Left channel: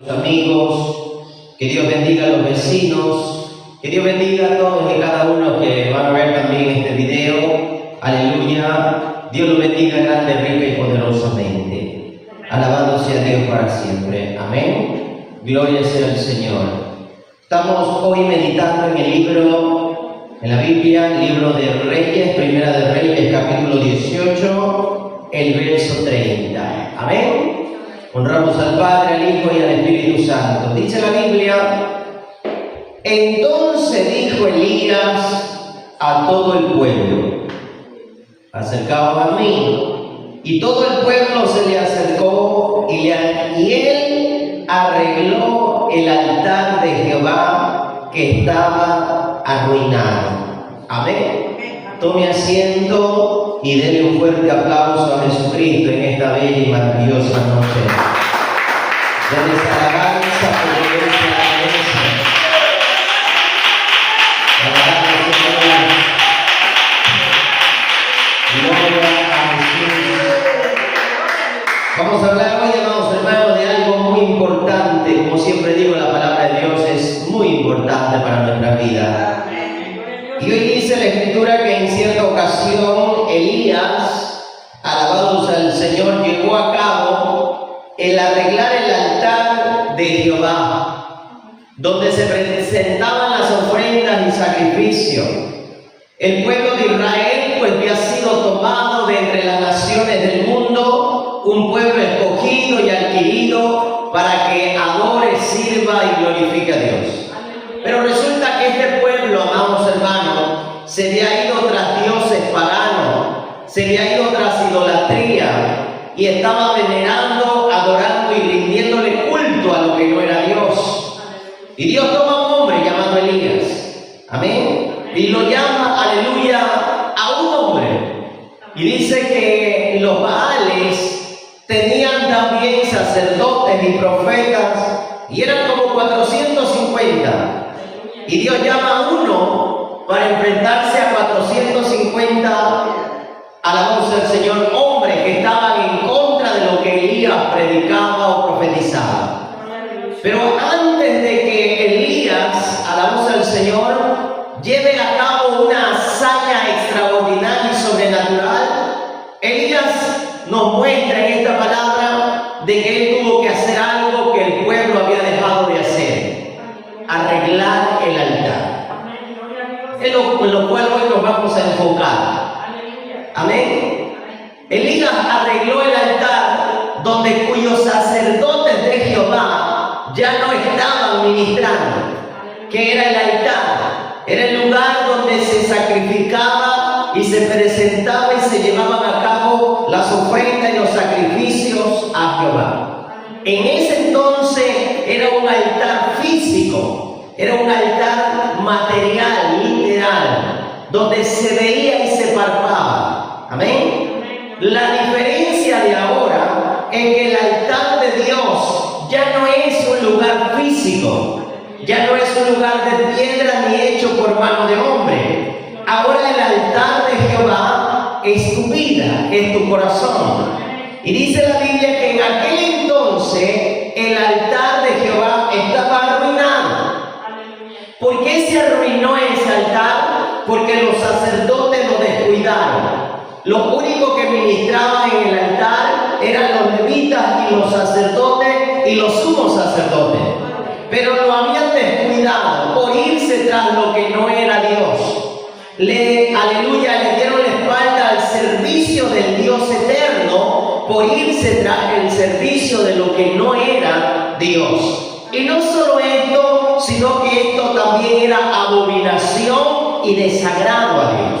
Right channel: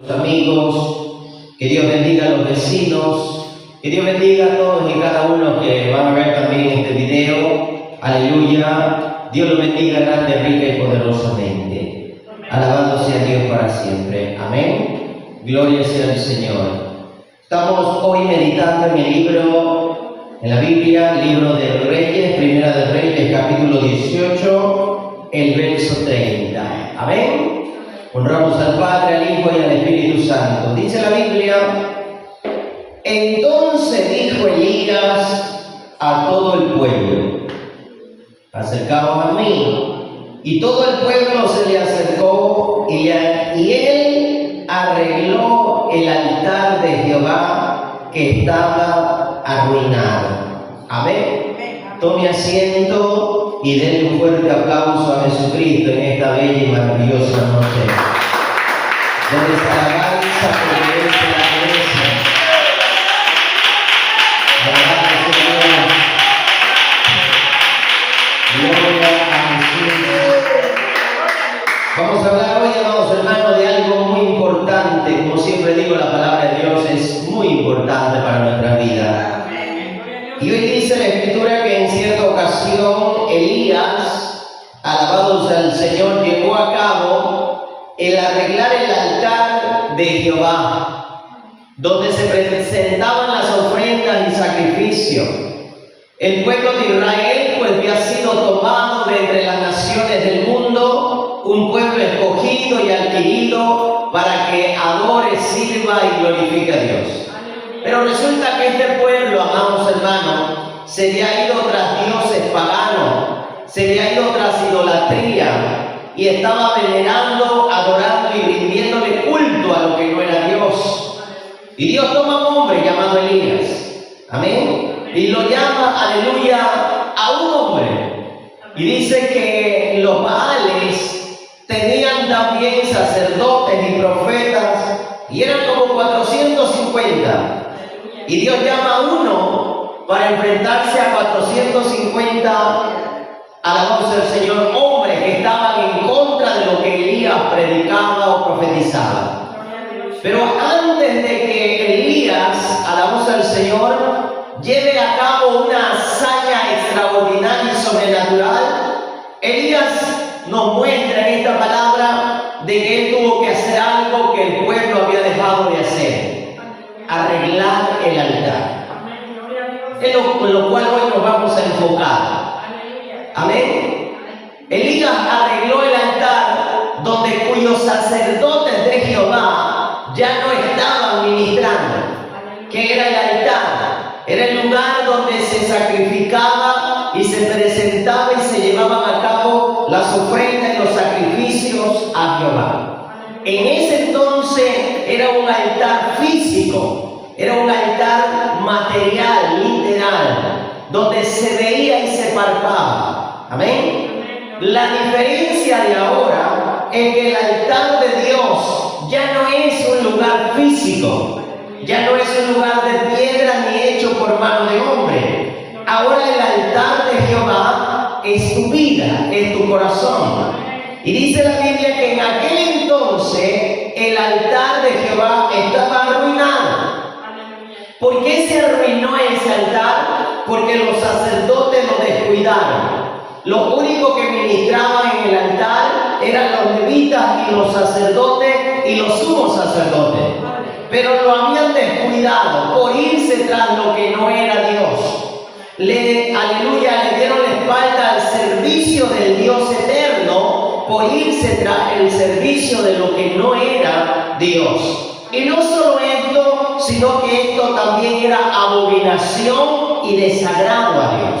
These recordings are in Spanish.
los amigos, que Dios bendiga a los vecinos, que Dios bendiga a todos y cada uno que van a ver también este video. Aleluya. Dios los bendiga grande, rica y poderosamente. Alabado sea Dios para siempre. Amén. Gloria sea al Señor. Estamos hoy meditando en el libro, en la Biblia, el libro de Reyes, Primera de Reyes, capítulo 18, el verso 30. Amén. Honramos al Padre, al Hijo y al Espíritu Santo. Dice la Biblia: entonces dijo Elías a todo el pueblo: acercaos a mí. Y todo el pueblo se le acercó y él arregló el altar de Jehová que estaba arruinado. Amén. Tome asiento y denle un fuerte aplauso a Jesucristo en esta bella y maravillosa noche. Denles alabanza por Dios en la iglesia. Alabado sea Dios. Gloria a Jesús. Vamos a hablar hoy, amados hermanos, de algo muy importante. Como siempre digo, la palabra de Dios es muy importante para nuestra vida. Y hoy dice la Escritura que en cierta ocasión Elías, alabado sea el Señor, llevó a cabo el arreglar el altar de Jehová, donde se presentaban las ofrendas y sacrificios. El pueblo de Israel pues había sido tomado de entre las naciones del mundo, un pueblo escogido y adquirido para que adore, sirva y glorifique a Dios. Pero resulta que este pueblo, amados hermanos, se había ido tras dioses paganos, se había ido tras idolatría y estaba venerando, adorando y rindiéndole culto a lo que no era Dios. Y Dios toma a un hombre llamado Elías, amén, y lo llama, aleluya, a un hombre. Y dice que los Baales tenían también sacerdotes y profetas, y eran como 450. Y Dios llama a uno para enfrentarse a 450, alabado sea el Señor, hombres que estaban en contra de lo que Elías predicaba o profetizaba. Pero antes de que Elías, alabado sea el Señor, lleve a cabo una hazaña extraordinaria y sobrenatural, Elías nos muestra en esta palabra de que él tuvo que hacer algo que el pueblo había dejado de hacer: arreglar el altar. Es en lo cual hoy nos vamos a enfocar. Amén. Elías arregló el altar donde cuyos sacerdotes de Jehová ya no estaban ministrando, que era el altar. Era el lugar donde se sacrificaba y se presentaba y se llevaban a cabo las ofrendas y los sacrificios a Jehová. En ese entonces era un altar físico, era un altar material, literal, donde se veía y se palpaba. Amén. La diferencia de ahora es que el altar de Dios ya no es un lugar físico, ya no es un lugar de piedra ni hecho por mano de hombre. Ahora el altar de Jehová es tu vida, es tu corazón. Y dice la Biblia que en aquel entonces el altar de Jehová estaba arruinado. ¿Por qué se arruinó ese altar? Porque los sacerdotes lo descuidaron. Lo único que ministraban en el altar eran los levitas y los sacerdotes y los sumos sacerdotes. Pero lo habían descuidado por irse tras lo que no era Dios. Aleluya, le dieron la espalda al servicio del Dios eterno por irse tras el servicio de lo que no era Dios. Y no solo esto, sino que esto también era abominación y desagrado a Dios.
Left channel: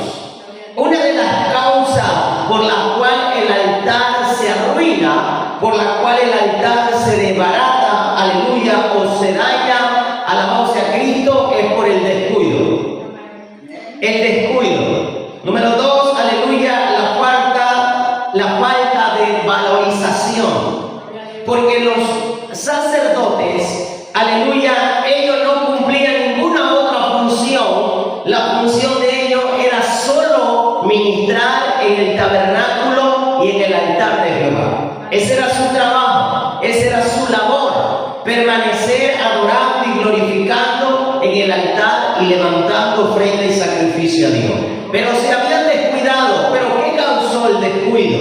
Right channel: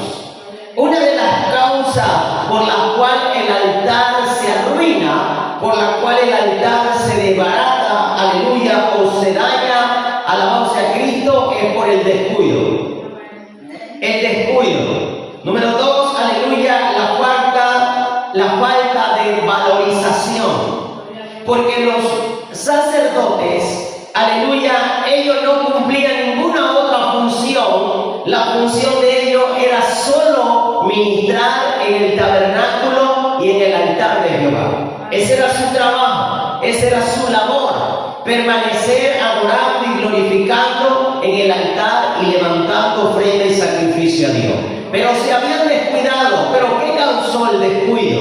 Una de las causas por la cual el altar se arruina, por la cual el altar se desbarata, aleluya, o se daña, alabado sea Cristo, es por el descuido. El descuido. Número 2, aleluya, la falta de valorización. Porque los sacerdotes, aleluya, ellos no cumplían ninguna otra función. La función de ellos era solo ministrar en el tabernáculo y en el altar de Jehová. Ese era su trabajo, esa era su labor. permanecer adorando y glorificando en el altar y levantando ofrenda y sacrificio a Dios. Pero se habían descuidado. ¿Pero qué causó el descuido?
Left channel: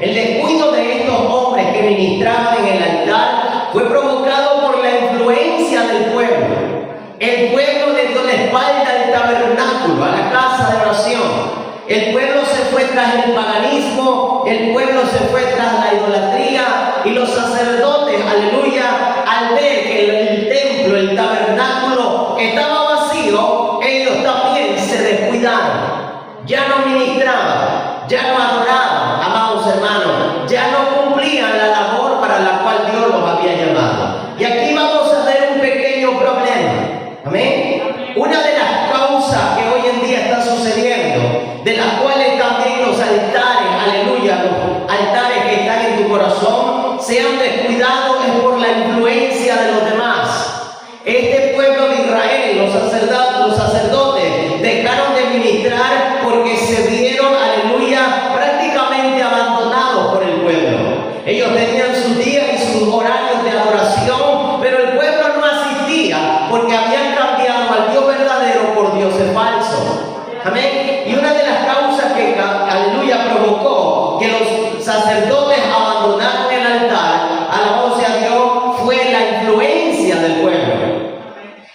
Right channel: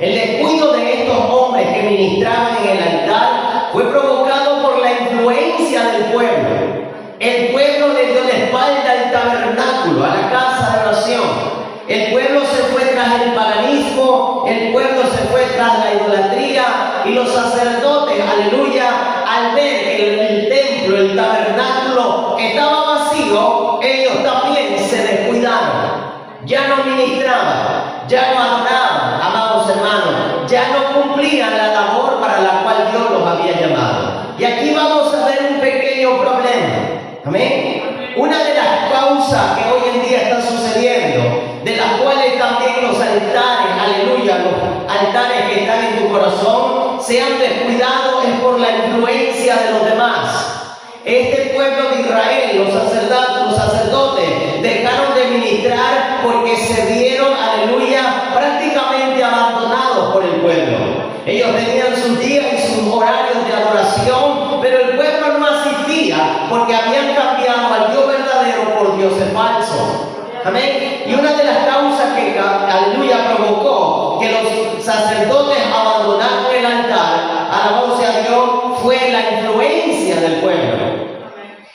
El descuido de estos hombres que ministraban en el altar fue provocado por la influencia del pueblo. El pueblo le dio la espalda al tabernáculo, a la casa de oración. El pueblo se fue tras el paganismo, el pueblo se fue tras la idolatría, y los sacerdotes, aleluya, al ver que el templo, el tabernáculo estaba vacío, ellos también se descuidaron. Ya no ministraban, ya no adoraban, amados hermanos, ya no cumplían la labor para la cual Dios los había llamado. Y aquí vamos a ver un pequeño problema. Amén. Una de las causas que hoy en día está sucediendo, de las cuales también los altares, aleluya, los altares que están en tu corazón se han descuidado, es por la influencia de los demás. Este pueblo de Israel, los sacerdotes, dejaron de ministrar porque se vieron, aleluya, prácticamente abandonados por el pueblo. Ellos tenían sus días y sus horarios de adoración, pero el pueblo no asistía porque habían cambiado al Dios verdadero por dioses falsos. Amén. Y una de las causas que, aleluya, provocó que los sacerdotes abandonaran el altar, alabado sea Dios, fue la influencia del pueblo.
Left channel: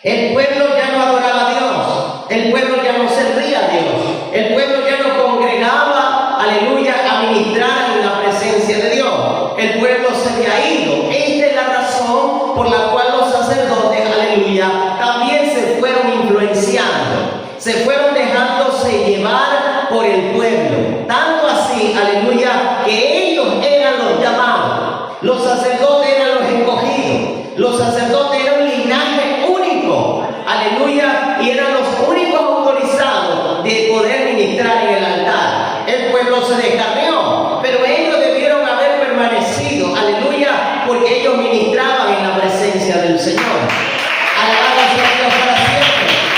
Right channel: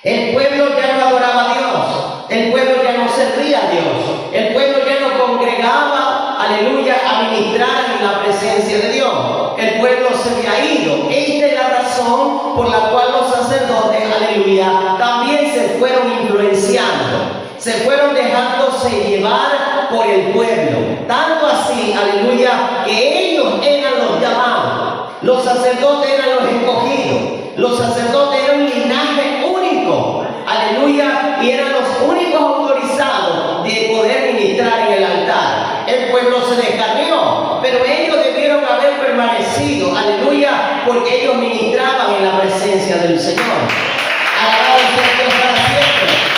El pueblo ya no adoraba a Dios, el pueblo ya no servía a Dios, el pueblo ya no congregaba, aleluya, a ministrar en la presencia de Dios. El pueblo se había ido. Esta es la razón por la cual los sacerdotes, aleluya, también se fueron influenciando. Se fueron dejándose llevar por el pueblo. Tanto así, aleluya, que ellos eran los llamados. Los sacerdotes eran los escogidos. Los sacerdotes eran un linaje único. Aleluya, y eran los únicos autorizados de poder ministrar en el altar. El pueblo se descarrió, pero ellos debieron haber permanecido. Aleluya, porque ellos ministraban en la presencia del Señor. Alabado sea Dios para siempre.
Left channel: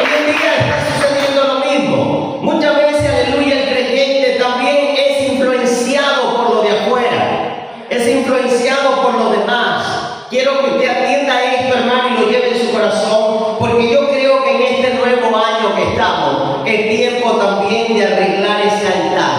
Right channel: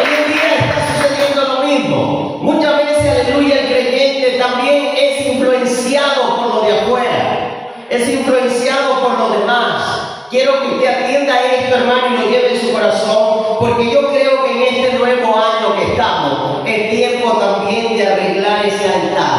Hoy en día está sucediendo lo mismo. Muchas veces, aleluya, el creyente también es influenciado por lo de afuera, es influenciado por los demás. Quiero que usted atienda esto, hermano, y lo lleve en su corazón, porque yo creo que en este nuevo año que estamos, es tiempo también de arreglar ese altar.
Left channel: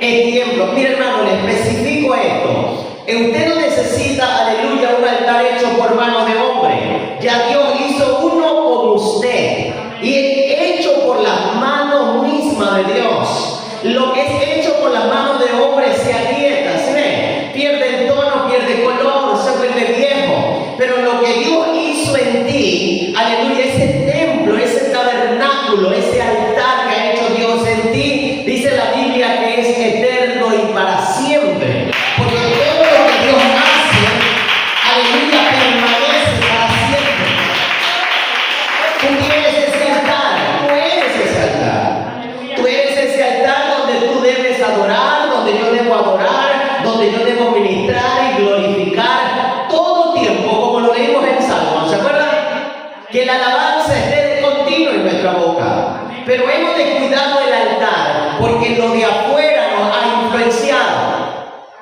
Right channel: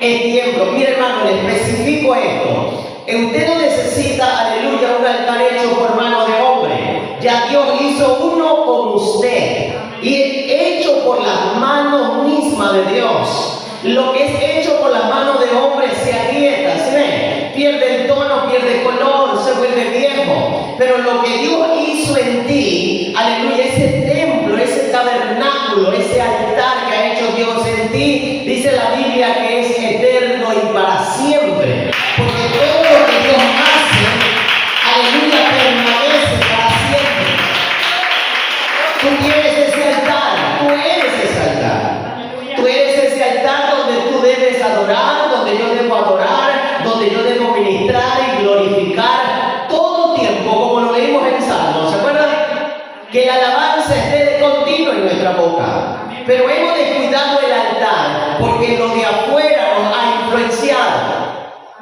Es tiempo. Mire, hermano, le especifico esto. Usted no necesita, aleluya, un altar hecho por mano de hombre. Ya Dios hizo uno con usted, y hecho por las manos mismas de Dios. Lo que es hecho por las manos de hombre se agrieta, ¿sí ven? Pierde el tono, pierde color, se vuelve viejo. Pero lo que Dios hizo en ti, aleluya, ese templo, ese tabernáculo, ese altar que ha hecho Dios en ti, dice la Biblia que es eterno y para siempre. Porque todo lo que Dios hace, aleluya, permanece para siempre. Tú tienes ese altar, tú eres ese altar. Tú eres ese altar donde tú debes adorar, donde yo debo adorar, donde yo debo ministrar y glorificar todo tiempo, como lo leímos en Salmo. ¿Se acuerdan? Que la alabanza esté de continuo en nuestra boca. Pero hemos descuidado el altar porque lo de afuera nos ha influenciado.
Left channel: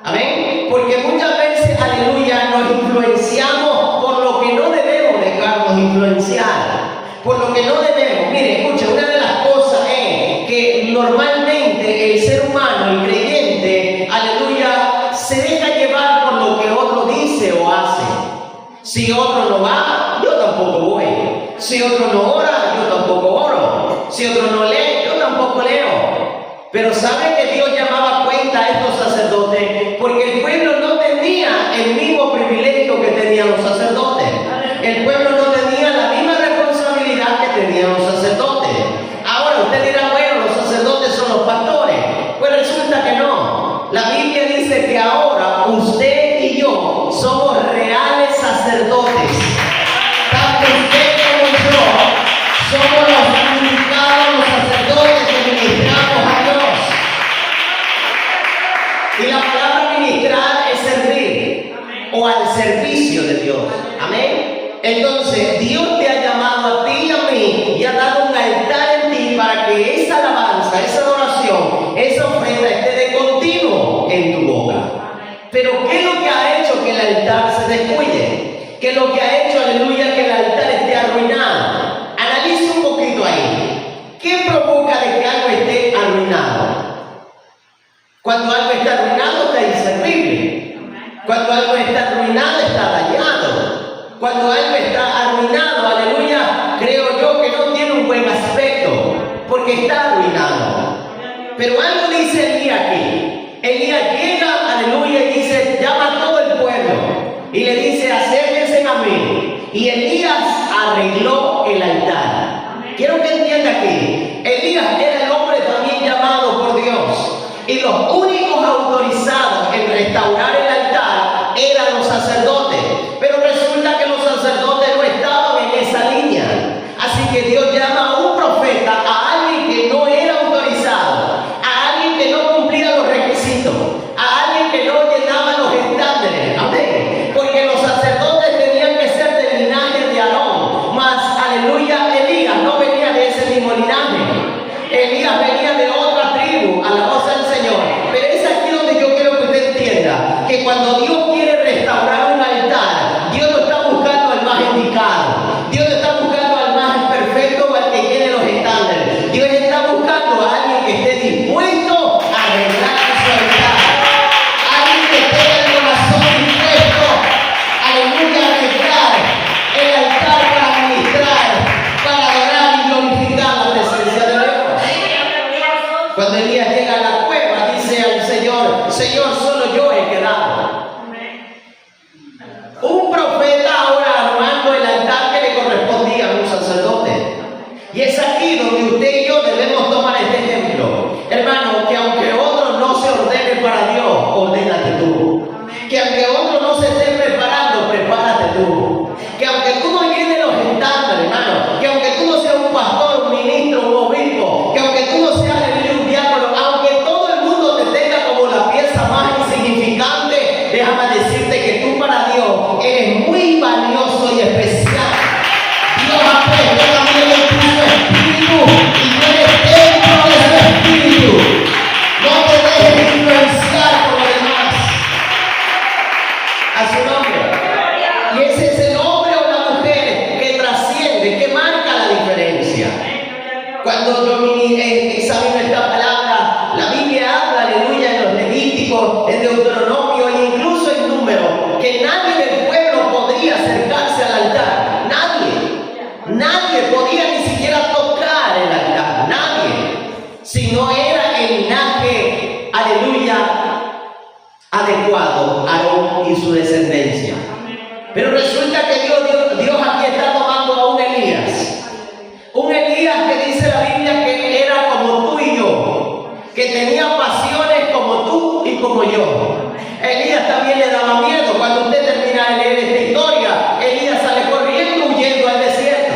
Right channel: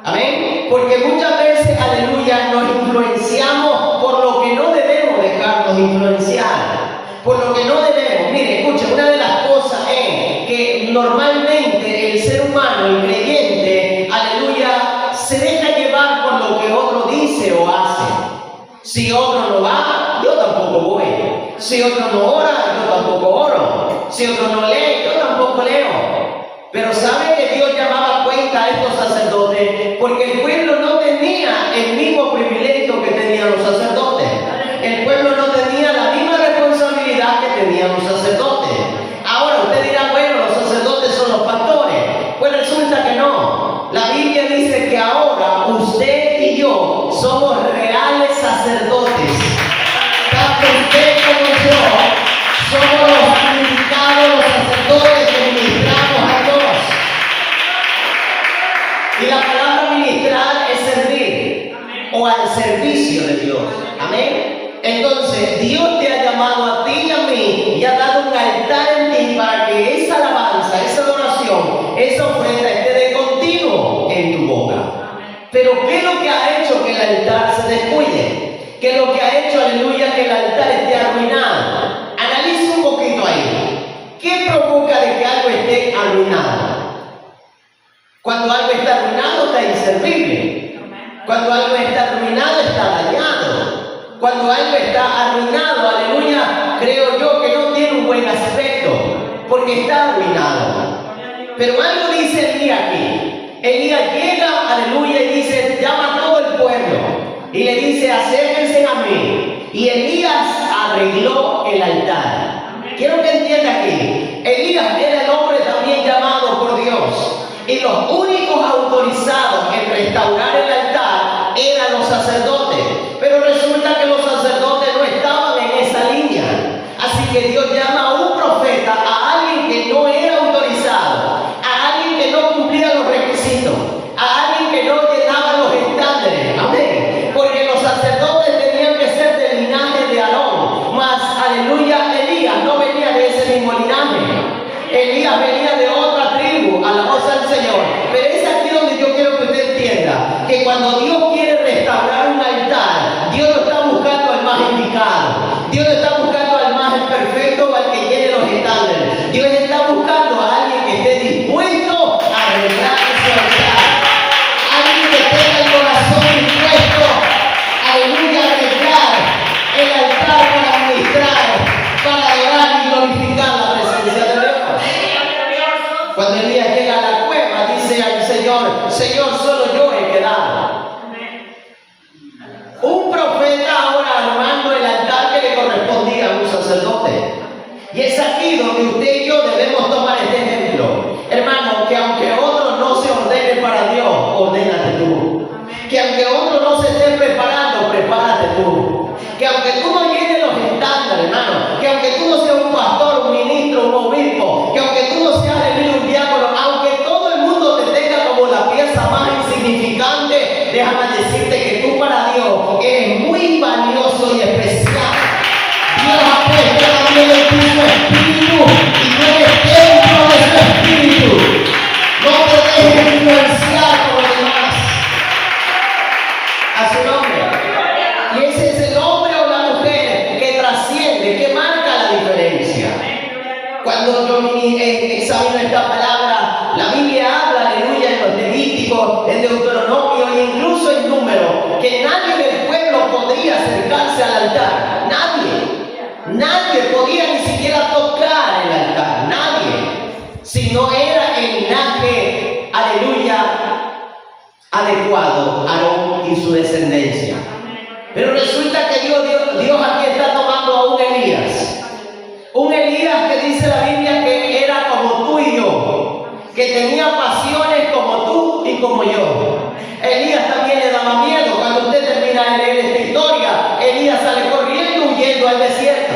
Amén. Porque muchas veces, aleluya, nos influenciamos por lo que no debemos dejarnos influenciar. Por lo que no debemos. Mire, escucha, una de las cosas es que normalmente el ser humano, el creyente, aleluya, se deja llevar por lo que otro dice o hace. Si otro no va, yo tampoco voy. Si otro no ora, yo tampoco oro. Si otro no lee, yo tampoco leo. Pero ¿sabe que Dios llamaba a cuenta a estos sacerdotes? Porque el pueblo no tenía el mismo privilegio que tenían los sacerdotes. El pueblo no tenía la misma responsabilidad que tenían los sacerdotes. Ahora usted dirá, bueno, los sacerdotes son los pastores. Pues resulta que no. La Biblia dice que ahora usted y yo somos reales sacerdotes. Tanto usted como yo somos los santificados, los sacerdotes que ministramos a Dios. Y la palabra ministrar es servir o al servicio de Dios. Amén. Entonces, Dios te ha llamado a ti y a mí y ha dado un altar en ti para que esa alabanza, esa adoración, esa ofrenda esté de continuo en Pero ¿qué es lo que ha hecho que el altar se descuide? ¿Qué es lo que ha hecho, aleluya, que el altar esté arruinado? Analiza un poquito ahí. ¿Qué provoca de que algo esté arruinado? Cuando algo está arruinado está inservible. Cuando algo está arruinado está dañado. Cuando algo está arruinado, aleluya, creo yo que no tiene un buen aspecto, porque está arruinado. Pero algo dice Elías aquí. Elías llega, aleluya, y dice, llama a todo el pueblo. Y le dice, acérquense a mí. Y Elías arregló el altar. Quiero que entienda aquí. Elías era el hombre también llamado por Dios. Y los únicos autorizados en restaurar el altar eran los sacerdotes. Pero resulta que los sacerdotes no estaban en esa línea. Así que Dios llama a un profeta, a alguien que no era autorizado, a alguien que no cumplía los requisitos, a alguien que no llenaba los estándares. Amén. Porque los sacerdotes tenían que ser del linaje de Aarón. Mas, aleluya, Elías no venía de ese mismo linaje. Elías venía de otra tribu, a la cosa del Señor. Pero es aquí donde yo quiero que usted entienda que cuando Dios quiere restaurar un altar, Dios no está buscando al más indicado. Dios no está buscando al más perfecto o al que llene los estándares. Dios está buscando a alguien que esté dispuesto a arreglar su altar. Alguien que tenga el corazón dispuesto, aleluya, a arreglar el altar para ministrar, para adorar y glorificar la presencia de Dios. Cuando Elías llega a la cueva, dice al Señor, Señor, solo yo he quedado. Un profeta ahora armando el altar que le correspondía a un sacerdote. Y es aquí donde usted y yo debemos tomar este ejemplo. Hermano, que aunque otro no se ordene para Dios, ordénate tú. Que aunque otro no se esté preparando, prepárate tú. Que aunque tú no llenes los estándares, hermano, que aunque tú no seas un pastor, un ministro, un obispo, que aunque tú no seas un diácono, aunque todo el mundo te tenga como la pieza más insignificante, déjame decirte que tú para Dios eres muy valioso y especial. Dios ha puesto también en ti su espíritu y tú eres dentro de su espíritu. No te dejes influenciar por los demás. A su nombre. Y ese es el hombre o la mujer que trasciende, que marca la diferencia. Cuando yo examino esta palabra, la Biblia habla, aleluya, en los Levíticos, en Deuteronomio e incluso en Número, que nadie del pueblo podría acercarse al altar. Nadie podía ni siquiera tocar el altar. Nadie. Si no era el linaje, aleluya, adecuado, Aarón y su descendencia. Pero resulta que Dios aquí está tomando a un Elías. Un Elías que dice la Biblia que era como tú y yo, que tenía pasiones como tú y como yo. Elías también le daba miedo. Cuando usted termina de leer esta historia, Elías sale corriendo, huyendo al desierto.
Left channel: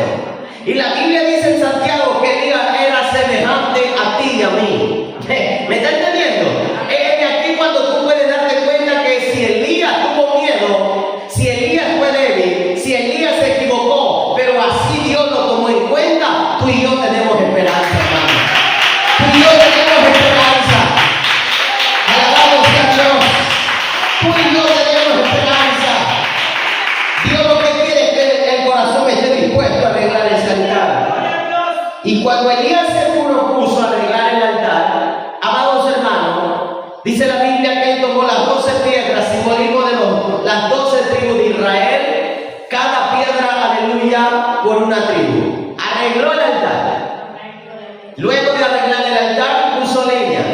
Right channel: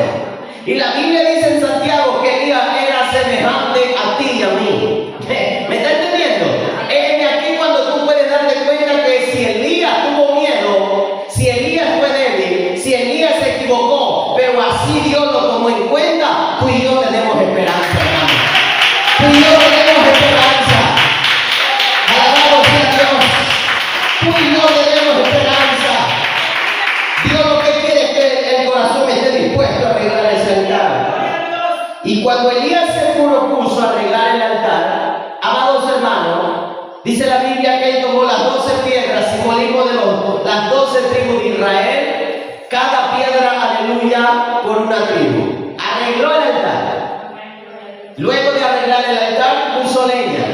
Y la Biblia dice en Santiago que Elías era semejante a ti y a mí. ¿Me está entendiendo? Es de aquí cuando tú puedes darte cuenta que si Elías tuvo miedo, si Elías fue débil, si Elías se equivocó, pero así Dios lo tomó en cuenta, tú y yo tenemos esperanza, hermano. Tú y yo tenemos esperanza. Alabado sea Dios. Tú y yo tenemos esperanza. Dios lo que quiere es que el corazón esté dispuesto a arreglar ese altar. Y cuando Elías se propuso arreglar el altar, amados hermanos, dice la Biblia que él tomó las 12 piedras, simbolismo de las 12 tribus de Israel, cada piedra, aleluya, por una tribu. Arregló el altar. Luego de arreglar el altar, puso leña,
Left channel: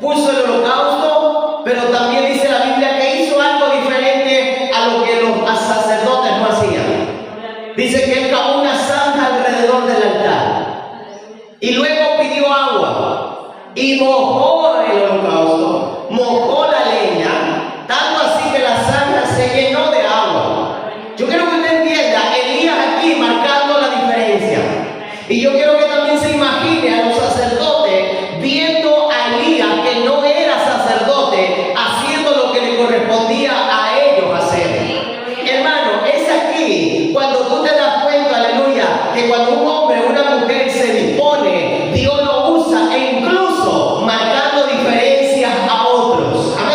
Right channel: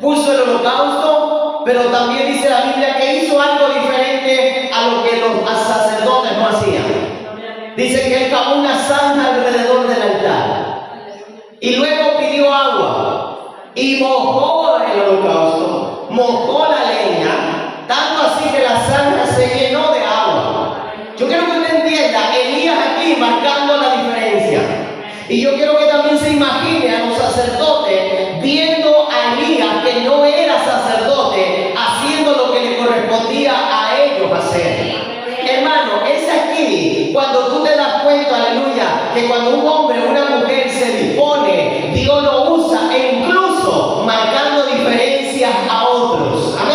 puso el holocausto, pero también dice la Biblia que hizo algo diferente a lo que los sacerdotes no hacían. Dice que él cavó una zanja alrededor del altar y luego pidió agua y mojó el holocausto, mojó la leña, tanto así que la zanja se llenó de agua. Yo quiero que usted entienda, Elías aquí marcando la diferencia. Y yo quiero que también se imagine a los sacerdotes viendo a Elías, que no era sacerdote, haciendo lo que le correspondía a ellos hacer. Hermano, es aquí cuando tú te das cuenta, aleluya, que cuando un hombre o una mujer se dispone, Dios lo usa e incluso marcando diferencias a otros. Amén.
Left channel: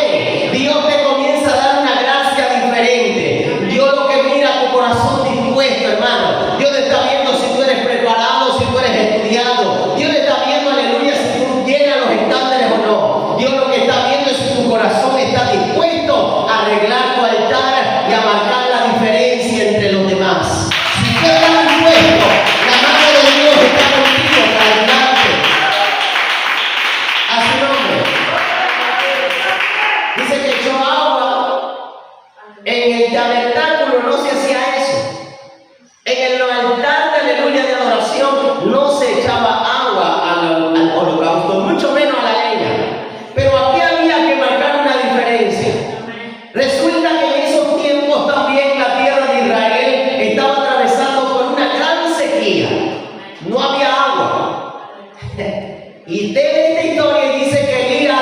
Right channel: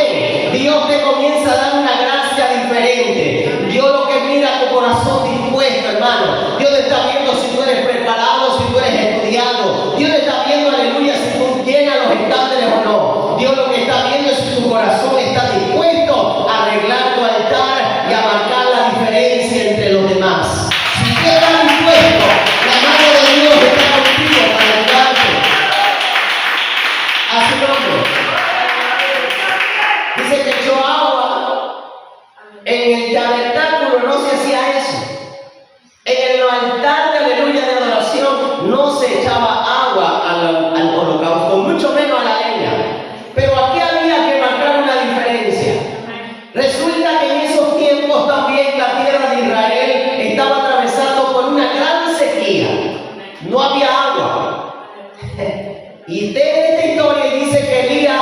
dice que echó agua. En el tabernáculo no se hacía eso. En el altar de aleluya de adoración no se echaba agua al holocausto, mucho menos a la leña. Pero aquí había que marcar una diferencia. Resulta que en esos tiempos también la tierra de Israel estaba atravesando por una gran sequía. No había agua. Y de esta historia dice que Elías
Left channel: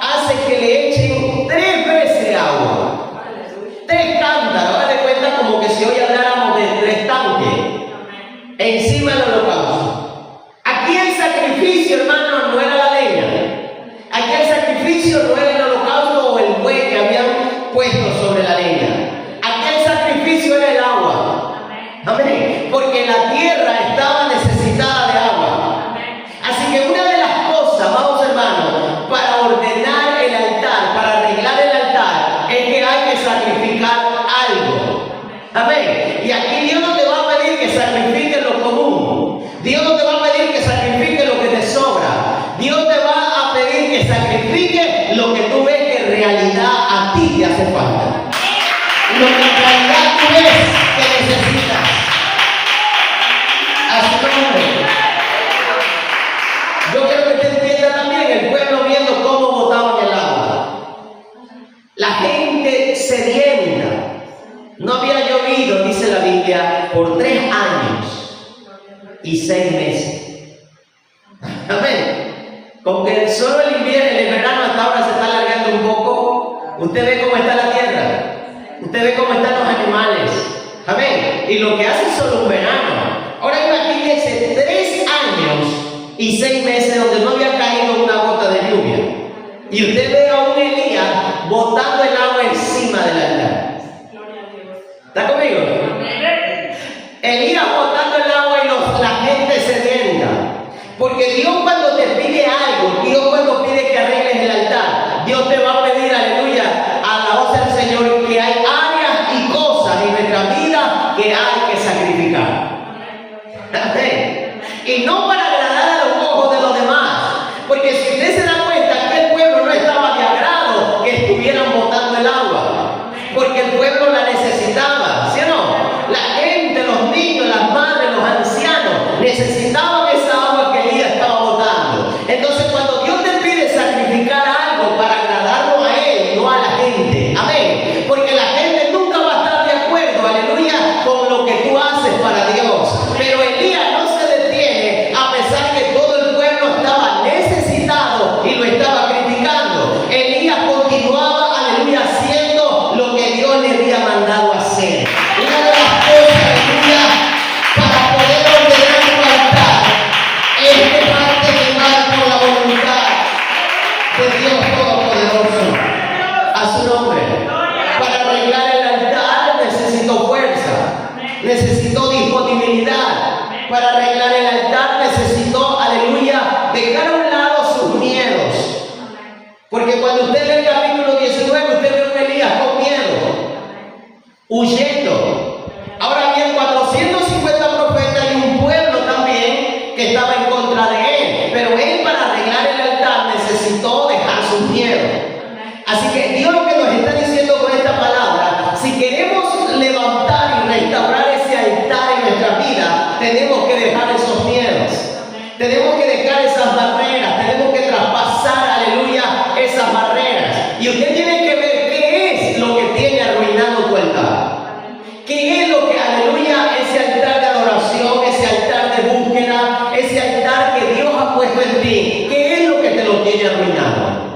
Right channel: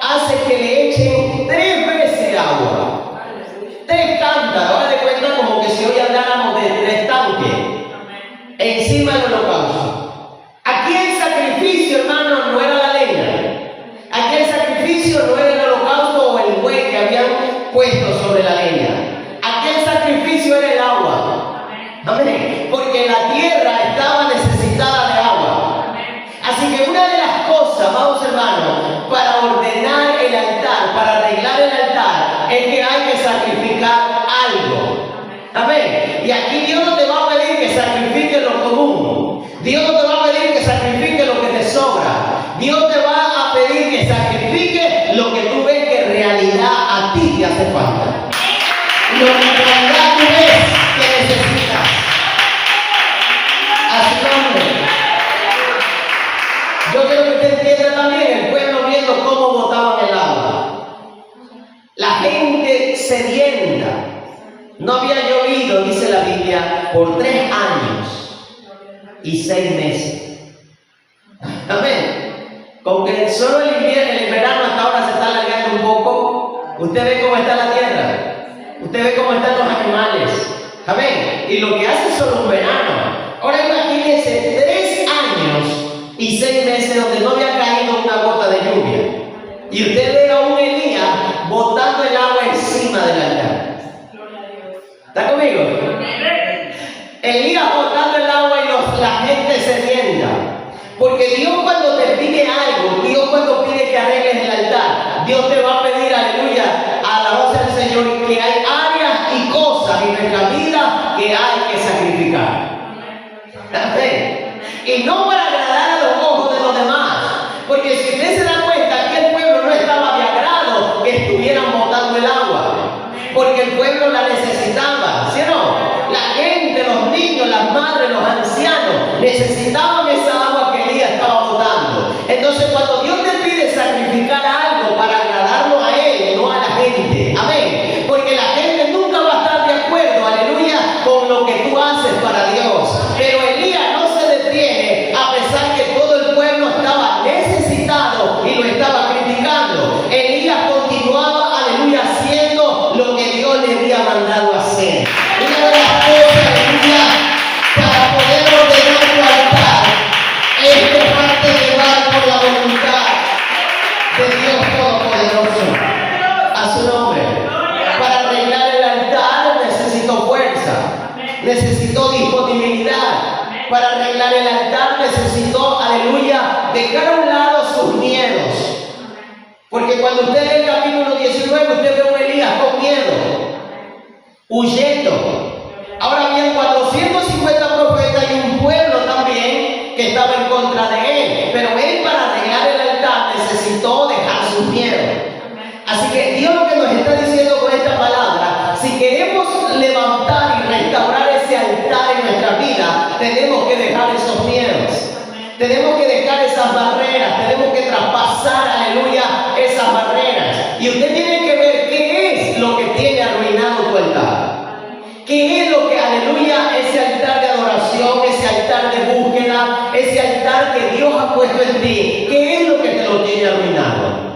hace que le echen 3 veces agua. 3 cántaros. Ahora de cuenta como que si hoy habláramos de 3 tanques encima del holocausto. Aquí el sacrificio, hermano, no era la leña. Aquí el sacrificio no era el holocausto o el buey que habían puesto sobre la leña. Aquí el sacrificio era el agua. Amén. Porque la tierra estaba necesitada de agua. Así que una de las cosas, vamos hermano, para ordenar el altar, para arreglar el altar, es que hay que sacrificar algo. Amén. Y aquí Dios no te va a pedir que sacrifiques lo común. Dios no te va a pedir que sacrifiques lo que te sobra. Dios te va a pedir que sacrifiques lo que tú ves que en realidad a ti te hace falta. Lo que en realidad tú ves que necesitas. A su nombre. Yo quiero que usted entienda también el pueblo viendo cómo botaban el agua. La gente sedienta. No había llovido, dice la Biblia, por 3 años y 6 meses. Amén. Con que solo el invierno, el verano hasta ahora se está alargando un poco. Usted ve cómo está la tierra. Usted ve cómo están los animales. Amén. Y lo que hace solo un verano. Ahora imagínense 3 años y 6 meses donde no había caído una gota de lluvia. Y usted ve a un Elías botando el agua encima del altar. ¿Está conmigo? Elías botando el agua y la gente sedienta. Porque Dios cuando te pide algo, Dios cuando pide que arregles el altar, Dios te va a pedir, aleluya, a la voz del Señor, que hay áreas y cosas en nuestra vida que hay que sacrificar. Y no para agradar a los ojos de los demás. Porque si usted se da cuenta que el pueblo no estaba de agrado que estuvieran botando el agua. Porque el pueblo la necesitaba, ¿sí o no? La gente, los niños, las madres, los ancianos necesitaban esa agua que Elías estaba botando. Entonces cuando Dios te pide sacrificar algo para agradarlo a Él, no a la gente. Amén. Porque la gente nunca va a estar de acuerdo, aleluya, con lo que tú haces para Dios. Pero Elías no se detiene a pesar que todo el pueblo estaba necesitado y lo estaba criticando. Elías continuaba, aleluya, haciendo lo que Dios le había mandado hacer. Una de las cosas, aleluya, para poder ordenar tu altar es dejarte llevar por la voluntad de Dios Todopoderoso. A su nombre. Para arreglar el altar necesito fuerza, necesito disponibilidad. Para arreglar el altar necesito, aleluya, dejar a un lado sus miedos. Porque cuando usted lee el capítulo 19, usted ve a un Elías con miedo, huyendo. Ahora bien, 450 profetas y un pueblo también que estaba en contra de él. Pero él, para arreglar el altar, necesitó dejar sus miedos. Así que Dios lo que nos está diciendo con esta palabra, si queremos levantar y restaurar ese altar en nuestra vida, tenemos que dejar esos miedos. Tenemos que dejar esas barreras, tenemos que traspasar, aleluya, esas barreras. Y usted tiene que ver qué es lo que tiene arruinado tu altar. ¿Qué es lo que, aleluya, ese altar de adoración, ese altar de búsqueda, ese altar que Dios ha puesto en ti? ¿Qué es lo que te lo tiene arruinado?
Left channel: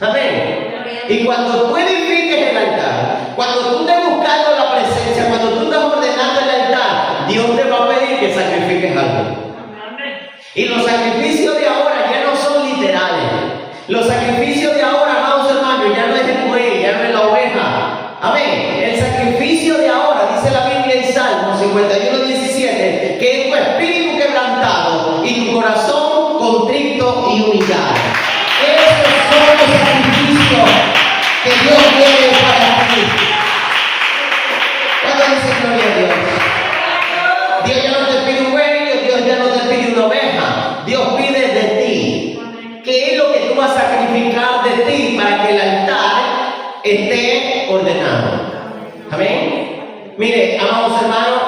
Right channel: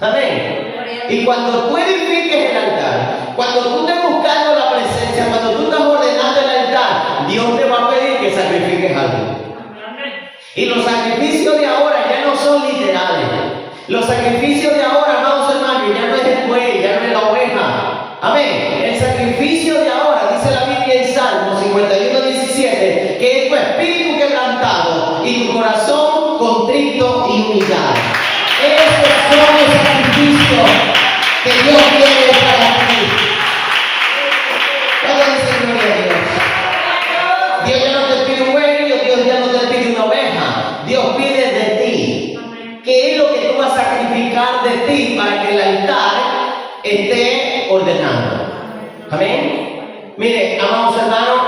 Amén. Y cuando tú edifiques el altar, cuando tú estés buscando la presencia, cuando tú estás ordenando el altar, Dios te va a pedir que sacrifiques algo. Y los sacrificios de ahora ya no son literales. Los sacrificios de ahora, amados hermanos, ya no es el buey, ya no es la oveja. Amén. El sacrificio de ahora, dice la Biblia en Salmo 51:17, que es tu espíritu quebrantado y tu corazón contrito y humillado. Esos son los sacrificios que Dios quiere para ti. ¿Cuándo dice gloria a Dios? Dios ya no te pide un buey, Dios ya no te pide una oveja. Dios pide de ti. ¿Qué es lo que tú vas a sacrificar de ti para que el altar esté ordenado. Amén. Mire, amados hermanos,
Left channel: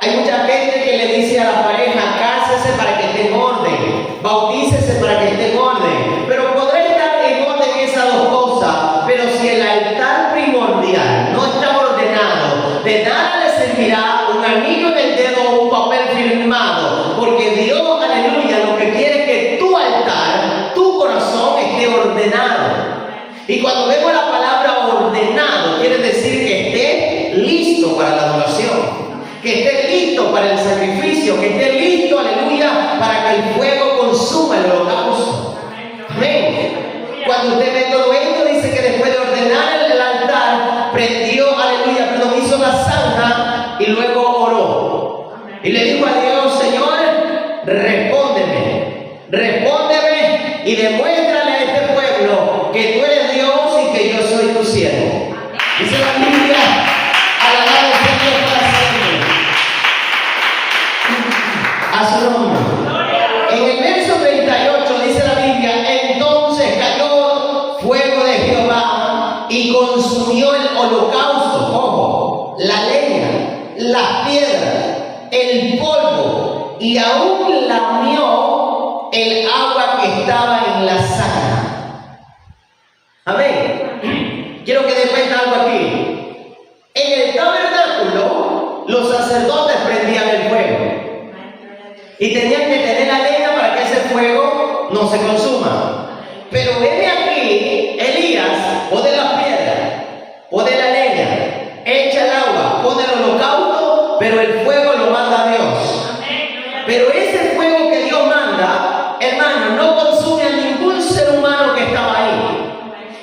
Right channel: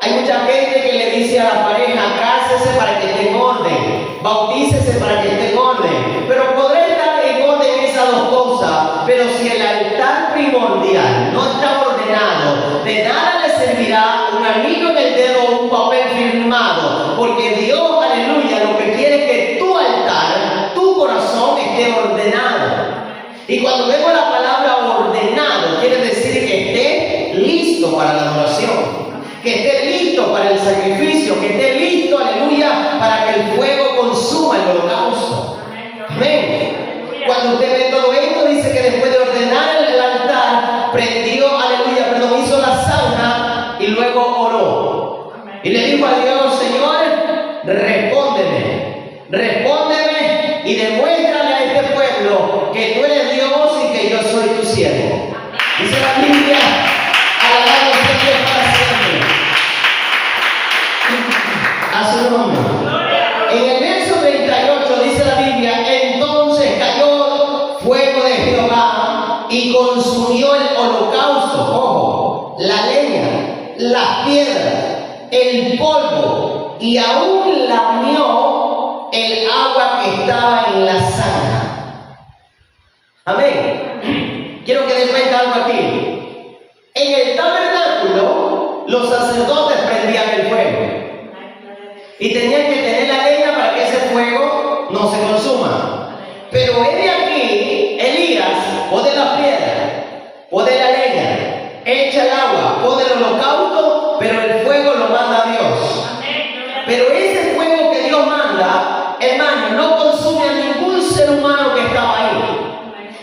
hay mucha gente que le dice a la pareja: cásese para que esté en orden, bautícese para que esté en orden. Pero podrá estar en orden esas dos cosas, pero si el altar primordial no está ordenado, de nada le servirá un anillo en el dedo o un papel firmado, porque Dios, aleluya, lo que quiere es que tu altar, tu corazón esté ordenado. Y cuando vemos la palabra ordenado, quiere decir que esté listo para la adoración, que esté listo para el sacrificio, que esté listo, aleluya, para que el fuego consuma el holocausto. Amén. Cuando usted ve todo esto, dice que después de ordenar el altar, hizo la zanja y luego oró. Y le dijo a Dios: Señor, respóndeme y demuéstrale a este pueblo que tú eres Dios y que yo soy tu siervo. Dice la Biblia: alabado sea Dios para siempre. A su nombre. En el verso 38 dice la Biblia: entonces cayó fuego de Jehová y consumió el holocausto, ojo, la leña, las piedras, el polvo, y aún lamió el agua que estaba en la zanja. Amén. Quiero que den cuenta algo aquí. En el tabernáculo, los sacerdotes prendían el fuego y tenían que tener la leña para que ese fuego no se consuma. Pero ven aquí, Elías pone las piedras, pone la leña, echa el agua, pone el holocausto, pero el fuego lo manda Dios. Pero ese fuego que Dios manda, hermano, no consume a ningún ser humano que estaba ahí.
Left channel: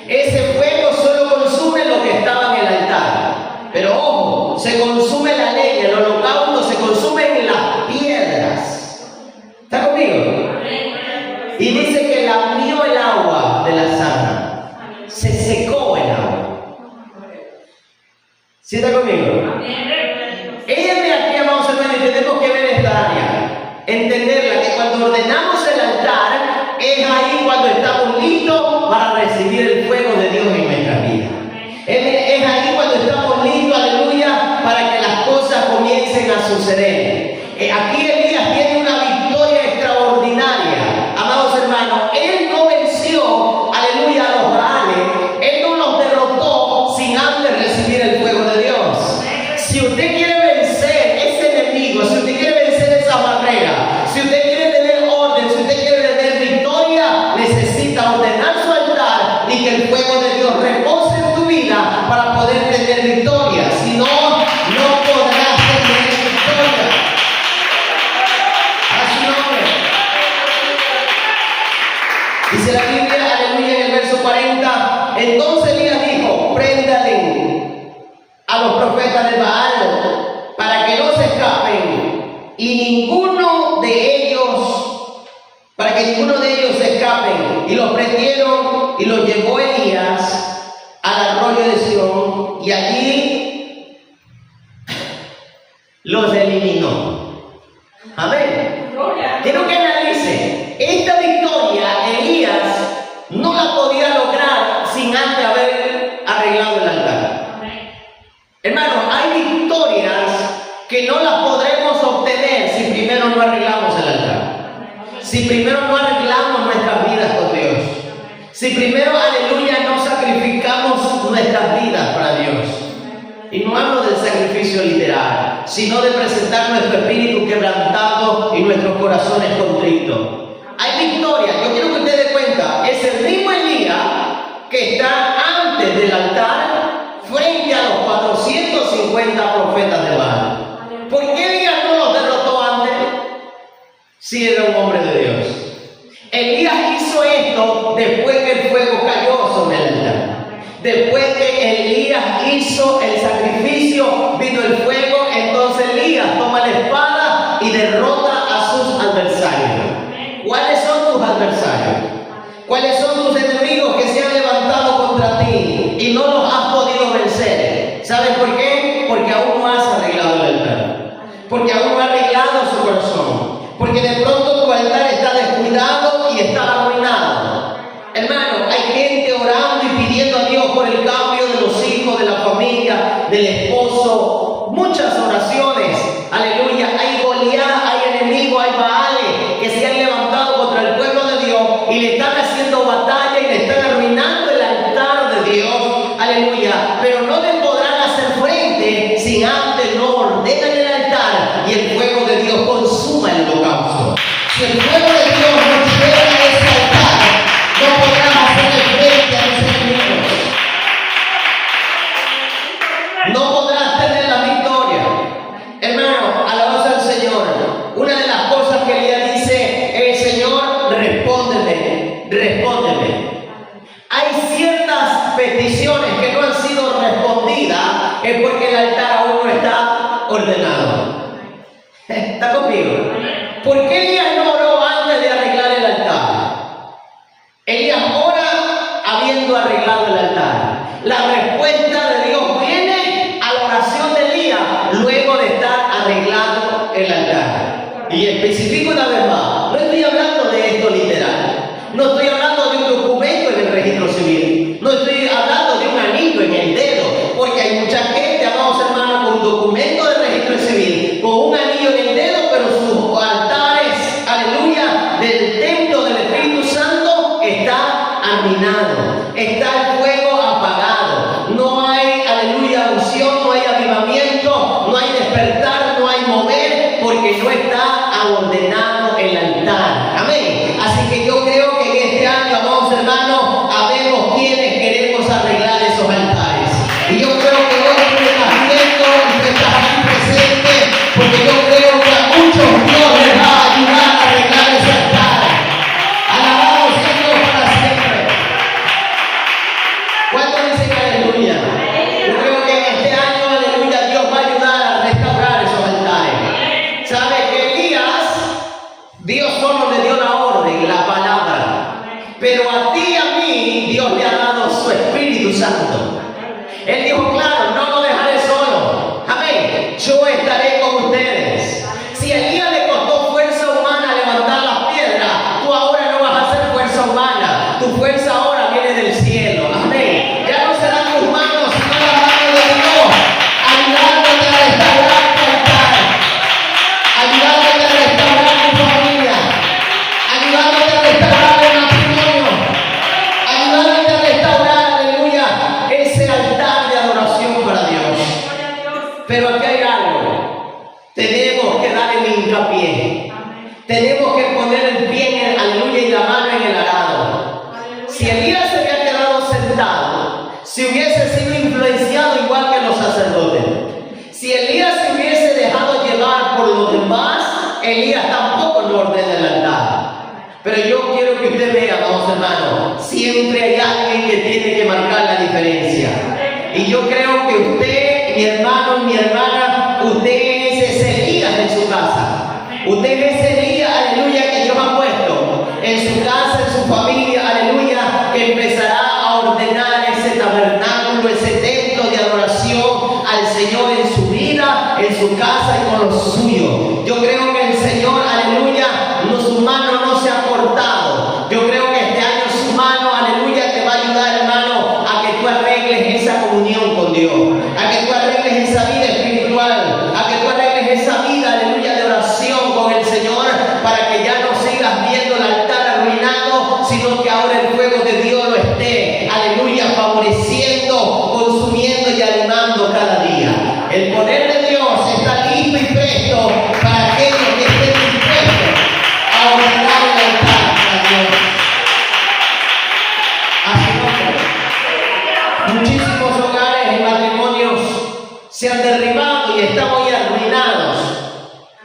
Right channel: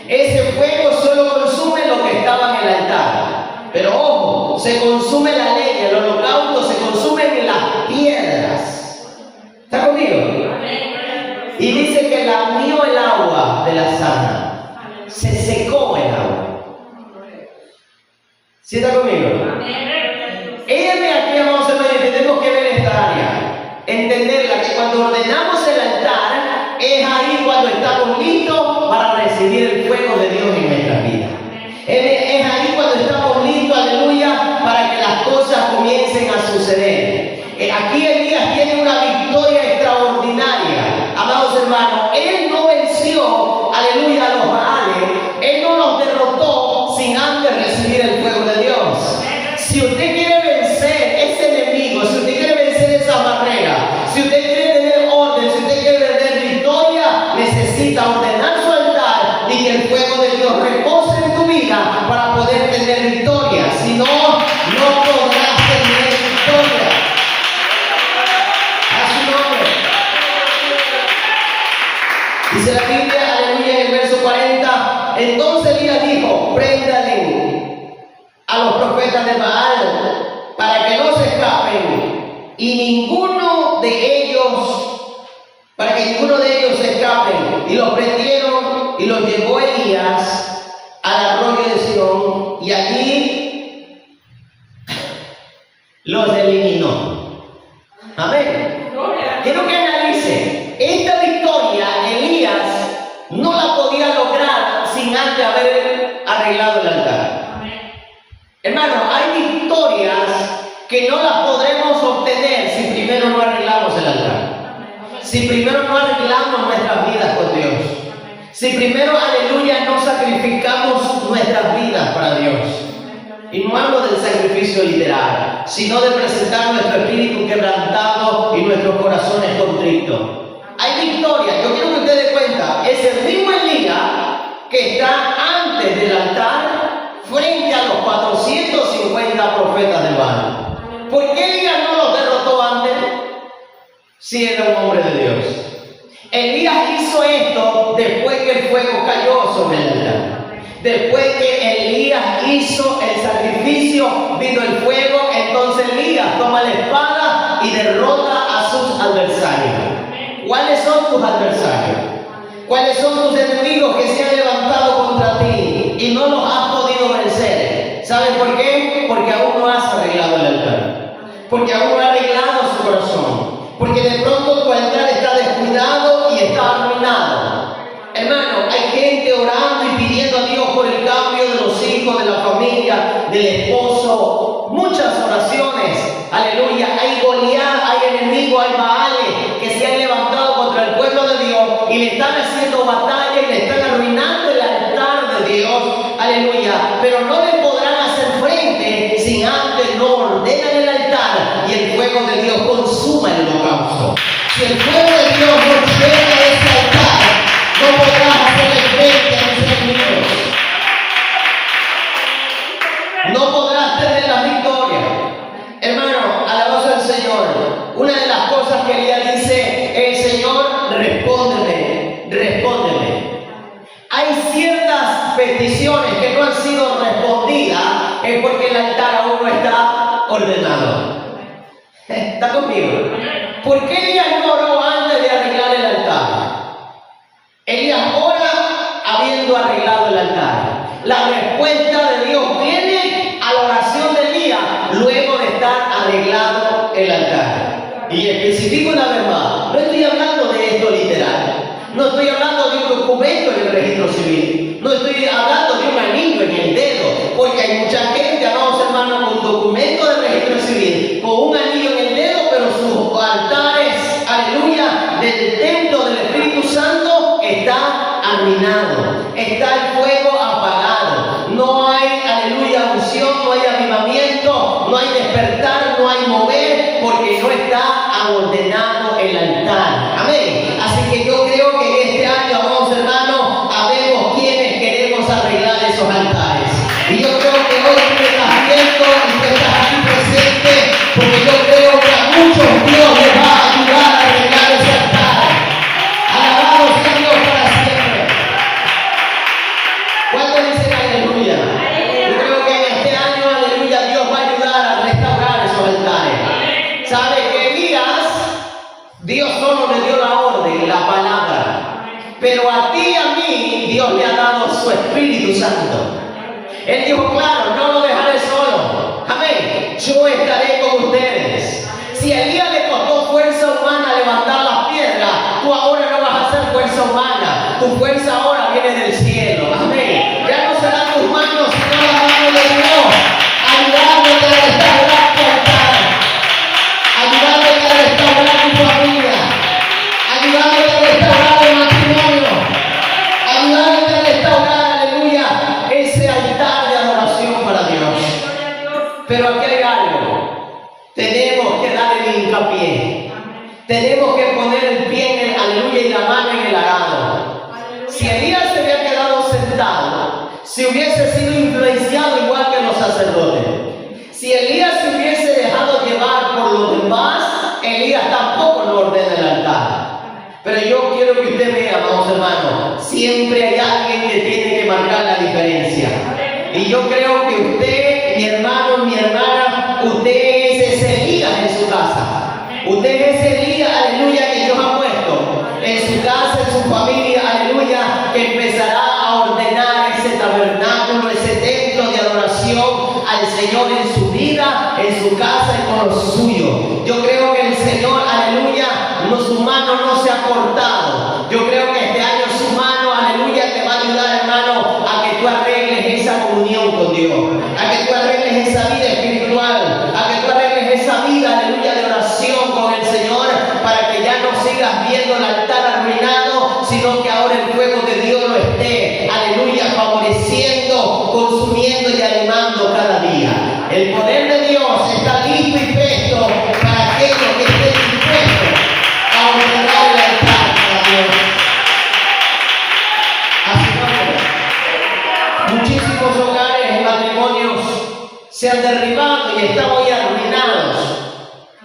Ese fuego solo consume lo que estaba en el altar. Pero ojo, se consume la leña, el holocausto se consume en las piedras. ¿Está conmigo? Y dice que lamió el agua de la zanja. Se secó el agua. ¿Sí está conmigo? Ella me aquí, vamos a ver, tenemos que ver esta área. Entenderla, que cuando ordenamos el altar, es ahí cuando estamos listos para recibir el fuego de Dios en nuestra vida. Es ahí cuando estamos listos, aleluya, para que las cosas comiencen a suceder. Aquí Elías tiene una victoria extraordinaria. Amados hermanos, él no venció, aleluya, a los Baales. Él no los derrotó sin antes recibir el fuego de Dios. Si usted quiere vencer ese enemigo, si usted quiere vencer esa barrera, si usted quiere tener orden, si usted quiere tener victoria, necesita ordenar su altar y que el fuego de Dios repose en tu vida para poder tener victoria. Si no, no podrás tener victoria. A su nombre. Dice la Biblia, aleluya, en el verso 40, entonces Elías dijo: préndale a los profetas de Baal para que no se escapen, y para que ninguno de ellos se escape. Y los prendieron y los llevó Elías al arroyo de Sion, y allí los eliminó. Amén. Quiero que analice esta victoria. Elías no la podía lograr sin antes haber arreglado el altar. Hermano, hay victorias que no las podremos obtener si primero no arreglamos el altar. Si primero no arreglamos nuestras vidas con Dios. Si primero, aleluya, no sacrificamos nuestras vidas para Dios. Y no hablo del sacrificio literal, sino de presentar nuestro espíritu quebrantado y nuestros corazones contritos. Hay victoria. Yo quiero que usted dé cuenta, es el mismo Elías que está antes del altar frente a los 450 profetas de Baal. ¿Por qué Elías no los derrotó antes? Si era un hombre de Dios. Elías hizo esto después que el fuego cayó sobre el altar. Después que Elías hizo el sacrificio, vino el fuego, entonces Elías toma la espada y derrota a sus adversarios. ¿Cuáles son tus adversarios? ¿Cuáles son tus enemigos que se han levantado contra ti y no los has podido vencer? ¿Sabes por qué? Porque aún no has arreglado el altar. Porque aún no has arreglado su corazón. Porque de pronto tu altar está descuidado y está arruinado. Hermano, hay gente orando y pidiendo a Dios por el cambio de familia, del esposo, muchas oraciones, aleluya, hay Goliat, hay enemigos, hay Baales que se han levantado contra el pueblo de Dios y le están haciendo batalla y le están arruinando el altar de Dios, aleluya, pero no le podrán hacer frente si antes no ordenan el altar y el fuego de Dios consuma el holocausto. Si el fuego de Dios no llega a ese altar, no podrás hacerle frente a los enemigos. No podrás tener la victoria. Hermano, alabanza al Señor. Una de las cosas que Elías dice es: Señor, respóndeme, respóndeme. Hay ciertas peticiones que no han sido respondidas, es porque el altar aún no está ordenado. ¿Está conmigo? ¿Por qué Elías no oró antes de arreglar el altar? Elías ora habiendo arreglado el altar. La respuesta de Dios viene a la oración de Elías luego de estar arreglado el altar. Y especifico una vez más, no estoy hablando de esto literal, no estoy hablando de un documento en el registro civil, no estoy hablando de un anillo en el dedo, porque hay mucha gente, amados hermanos, con un documento de registro civil, con un anillo en el dedo, pero sus altares, aleluya, del templo del Espíritu Santo está arruinado, está el fuego apagado, no hay, aleluya, unción, no hay avivamiento, no hay despertar, no hay mover, porque no está ordenado el altar. Amén. Así que yo creo que en este año, amados hermanos, habemos quienes queremos arreglar esos altares. Y yo creo que hoy tú estás viendo y tú estás aquí presente, porque yo creo que a muchos Dios les va a ayudar a arreglar ese altar. Alabado sea Dios para siempre. ¿Cuántos dicen aleluya? Yo creo que en este año, aleluya, Dios va a ayudar a restaurar esos altares. ¿Sabe que Elías, Dios solo le dio la orden, la palabra, pero a ti y a mí Dios le ha dado su Espíritu Santo? Él dijo, claro, no lo dejaré solo. Amén. Yo estaré con ustedes. Si a Elías le costó fuerza humana levantar las piedras, tú ahora no vas a hacer fuerza humana. Tu fuerza ahora viene del cielo. Amén. Ya no serán tus manos, sino la mano de Dios, ayudándote a restaurar tu altar, ayudándote a restaurar tu familia, ayudándote a restaurar el matrimonio, ayudándote a restaurar, aleluya, ese altar de adoración para Dios. Pero aquí hay algo. Tenemos que dar el hincapié. Tenemos que poner el pie en aleluya y la mano en el arado. Si Elías se había quedado sentado, si hubiese sido influenciado igual que los sacerdotes, si Elías se hubiese dejado llevar por los demás, Elías tampoco lo ordena el altar. Pero yo quiero que usted vea, amados hermanos, siempre hay alguien que tiene que marcar la diferencia. Y yo creo que usted, mi hermano, mi hermana, usted es ese Elías en su casa. Usted es ese Elías, aleluya, que Dios ha puesto en su casa, en su familia, aleluya, que empezará a ordenar ese tabernáculo, ese templo de adoración al Señor en su vida, en su casa y con los suyos. Yo creo que el Señor, aleluya, su mano no se ha cortado. Yo creo que este año su mano, aleluya, te va a ayudar, hermano, a que tú arregles esa comunión con Dios, a que tú arregles esa vida espiritual, a que tú arregles esa vida, aleluya, de oración con el Señor, para que ya no sigas viendo el altar arruinado, sino que ahora el fuego de Dios lo esté, aleluya, favoreciendo, consumiendo y animando cada día. El poder de Dios está listo y presto para aquellos que estén dispuestos a ordenar el altar a Dios. Así que muchísimos hogares y matrimonios se han derribado y están hoy arruinados.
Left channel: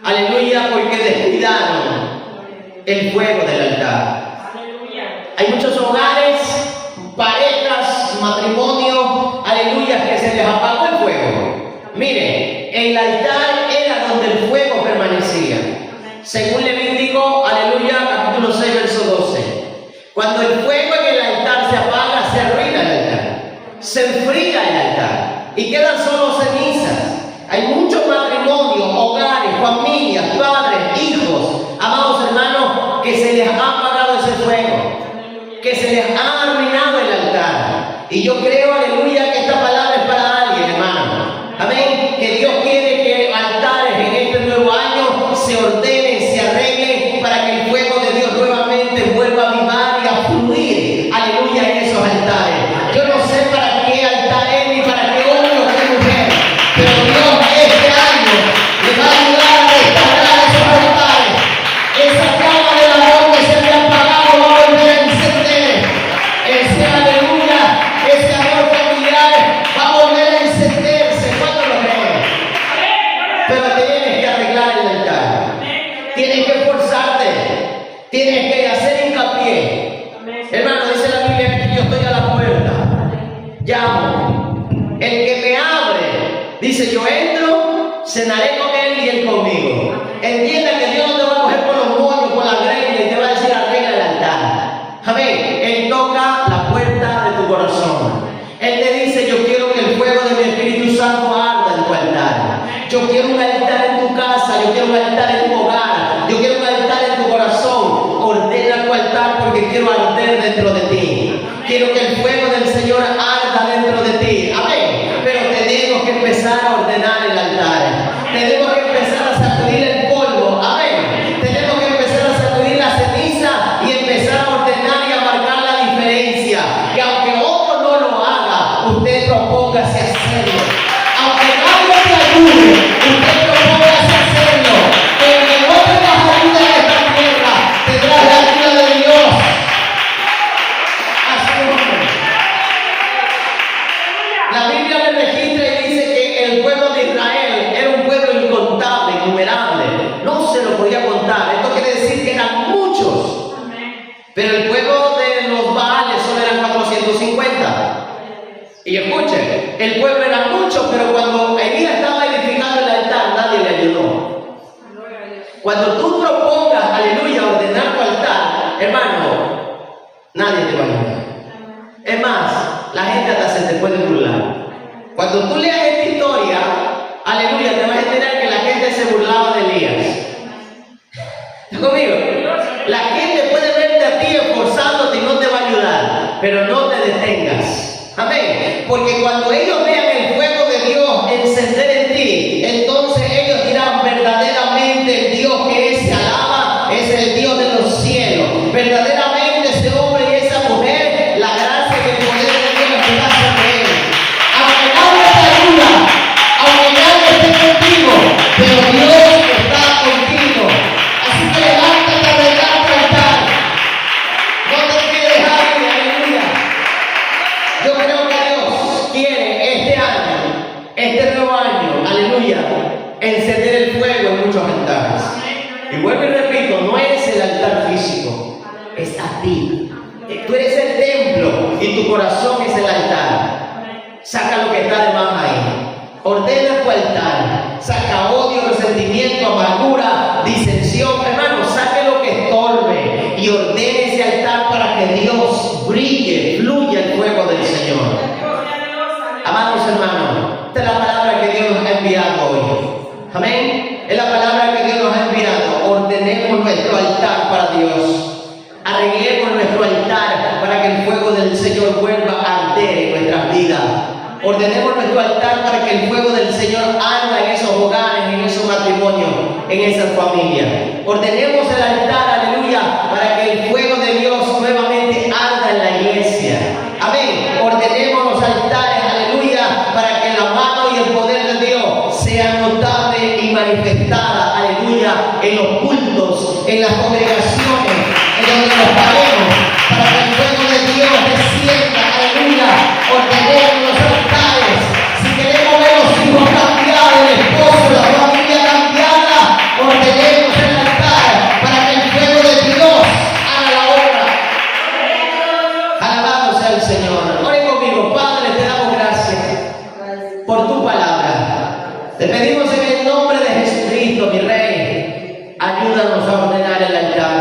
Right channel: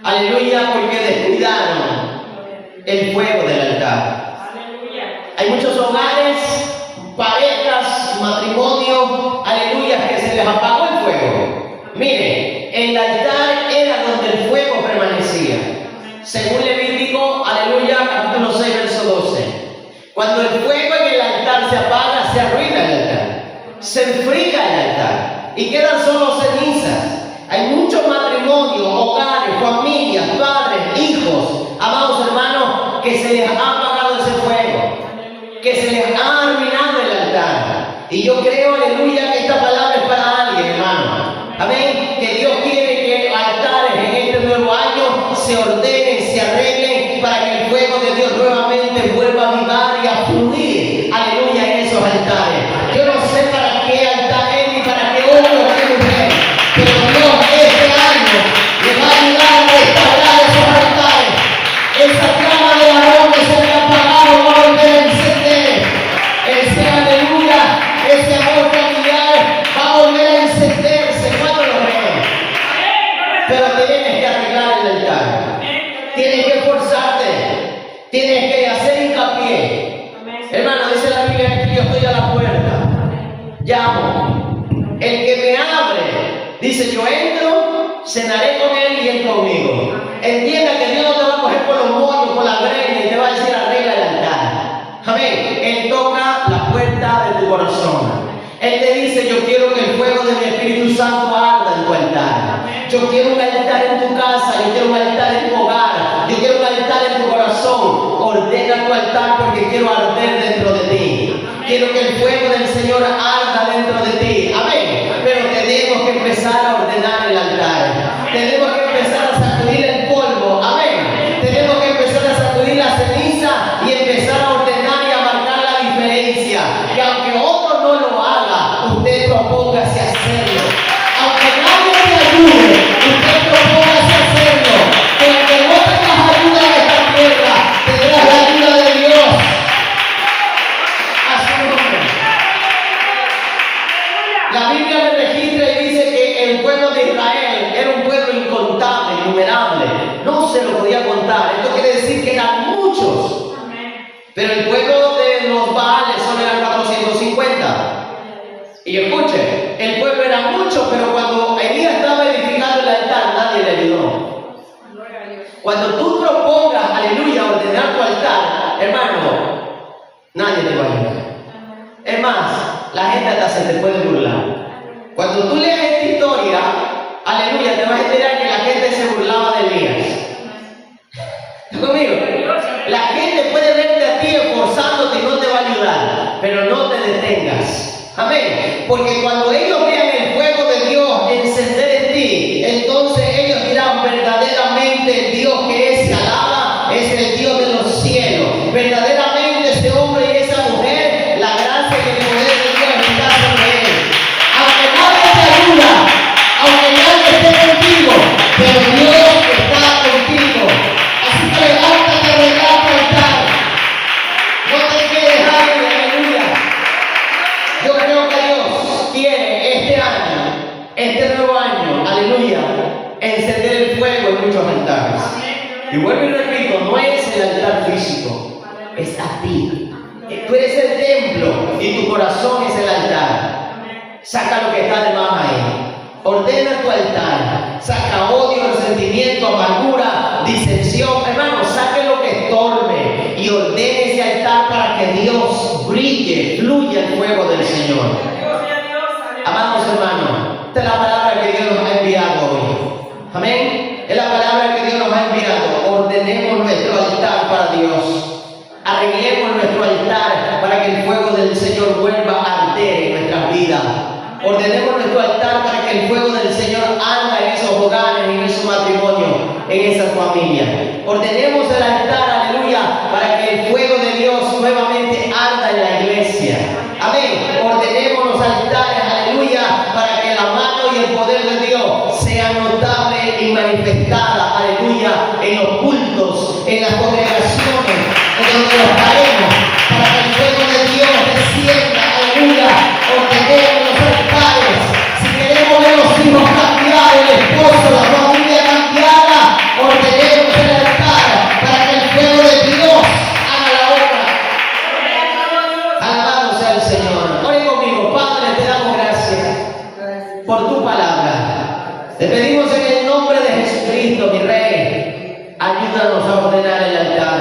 Aleluya, porque descuidaron el fuego del altar. Hay muchos hogares, parejas, matrimonios, aleluya, que se les apagó el fuego. Mire, el altar era donde el fuego permanecía. Según Levítico, aleluya, capítulo 6, verso 12. Cuando el fuego en el altar se apaga, se arruina el altar, se enfría el altar y quedan solo cenizas. Hay muchos matrimonios, hogares, familias, padres, hijos, amados hermanos, que se les ha apagado ese fuego, que se les ha arruinado el altar. Y yo creo, aleluya, que esta palabra es para alguien, hermano. Amén. Que Dios quiere que altares en este nuevo año se ordenen, se arreglen para que el fuego de Dios nuevamente vuelva a avivar y a fluir. Aleluya, en esos altares. Yo no sé para qué altar es ni para qué hombre o qué mujer, pero Dios este año le va a ayudar a restaurar esos altares. Esa llama del amor que se había apagado va a volver a encender. Ese aleluya, ese amor familiar va a volver a encenderse. ¿Cuándo lo creen? Pero tienes que arreglar el altar. Tienes que esforzarte. Tienes que hacer hincapié. Hermano, dice la Biblia que yo estoy a la puerta. Llamo. El que me abre, dice, yo entro, cenaré con él y él conmigo. Entienda que Dios no te va a coger por los moños, por la greña y te va a decir arregla el altar. Amén. Él toca la puerta de tu corazón. Él te dice, yo quiero que el fuego de mi Espíritu Santo arda en tu altar. Yo quiero un altar en tu casa, yo quiero un altar en tu hogar, yo quiero un altar en tu corazón. Ordena tu altar porque quiero arder dentro de ti. Quiero que el fuego del Señor arda dentro de ti. Amén. Pero tenemos que empezar a ordenar el altar. Tenemos que empezar a sacudir el polvo. Amén. Tenemos que empezar a sacudir la ceniza y empezar a ordenar y a marcar la diferencia. Y aunque otro no lo haga, usted propóngase a hacerlo. Aunque nadie te ayude, usted propóngase a hacerlo. Porque no tengas ayuda en esta tierra, tendrás la ayuda de Dios. Así es. La Biblia me registra y dice que el pueblo de Israel era un pueblo incontable, innumerable. No se lo podía contar. Esto quiere decir que eran muchos. Pero el pueblo de los Baales solo eran 450. Y escuchen, el pueblo era mucho, pero cuando Elías estaba edificando el altar, nadie le ayudó. Cuando tú propongas, aleluya, ordenar tu altar, hermano, nadie te va a ayudar. Es más, la gente hasta se te puede burlar. Cuando tú leas esta historia, aleluya, te vas a enterar que la gente se burlaba de Elías. ¿Estás conmigo? La gente puede verte a ti esforzándote y no te va a ayudar, pero no te detengas. Amén. Porque cuando ellos vean el fuego de Dios encender en ti, entonces ellos dirán verdaderamente el Dios que se alaba es el Dios de los cielos. Verdaderamente ese hombre y esa mujer, la gracia y el poder de Dios está sobre él. Aunque nadie te ayuda, aunque nadie esté contigo, pero Dios está contigo. Así que levántate a arreglar tu altar. No te quedes ahí, aleluya. Yo creo que Dios quiere este año, este nuevo año, aleluya, encender el fuego en muchos altares. Y vuelvo y repito, no es el altar físico, es a ti. Tú eres el templo y tu corazón es el altar. Saca lo que está de más ahí. Ordena tu altar. Saca odio, resentimiento, amargura, disensión. Hermano, saque lo que estorbe y ordene ese altar para que Dios brille, fluya el fuego del Señor. Amados hermanos, esta es la palabra que Dios nos ha enviado hoy. Amén. Es la palabra que Dios nos ha enviado. Ordenemos nuestro altar para Dios. Arreglemos nuestro altar para que el fuego del Señor vuelva a arder en nuestras vidas. Ordenemos nuestro altar para que el fuego del Señor arda en esos hogares, en esos matrimonios, en esas familias. Ordenemos el altar, aleluya, para que el fuego de Dios nuevamente arda en la iglesia. Amén. Ordenemos los altares, aleluya, para que la mano y el poder de Dios sea notable y manifestada, aleluya, en los cultos, en las congregaciones, en donde nos paremos, para que el fuego de Dios descienda, aleluya. Ordenemos los altares. Si queremos ver los hijos cambiar, el esposo, la familia cambiada, ordenemos el altar para que el fuego de Dios haga la obra. Alabado sea el Señor. Ore conmigo. Padre, te damos gracias por tu palabra. Te pedimos en el nombre de Jesucristo, mi Rey, ayúdanos a ordenar el altar.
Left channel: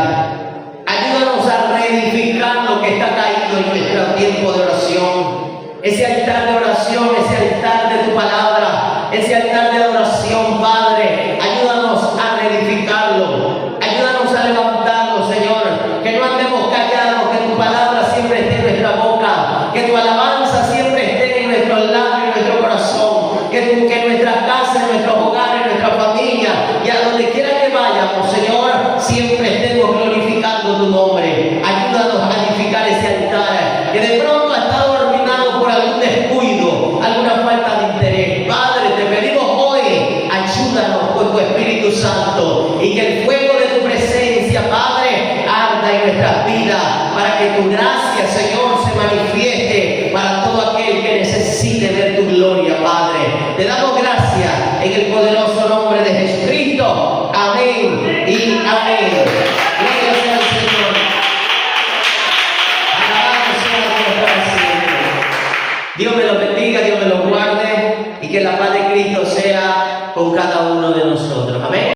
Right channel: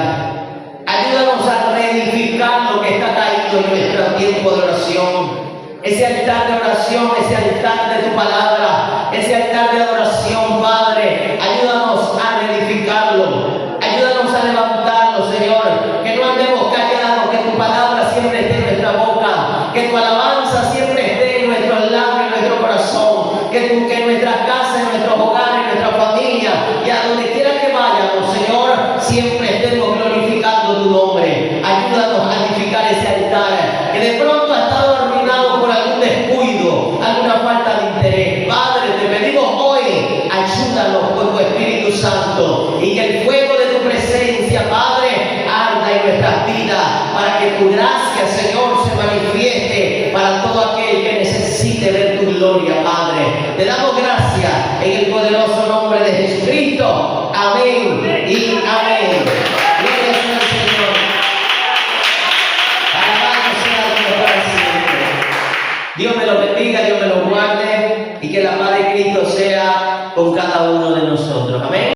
Ayúdanos a reedificar lo que está caído en nuestro tiempo de oración. Ese altar de oración, ese altar de tu palabra, ese altar de oración, Padre, ayúdanos a reedificarlo, ayúdanos a levantarlo, Señor, que no andemos callados, que tu palabra siempre esté en nuestra boca, que tu alabanza siempre esté en nuestros labios, en nuestro corazón, que Santo, y que el fuego de tu presencia, Padre, arda en nuestras vidas, para que tu gracia, Señor, se manifieste para todo aquel que necesite ver tu gloria, Padre. Te damos gracias en el poderoso nombre de Jesucristo. Amén y amén. Gloria sea al Señor. Alabado sea Dios para siempre. Dios me lo bendiga, Dios me lo guarde, y que la paz de Cristo sea con cada uno de nosotros. Amén.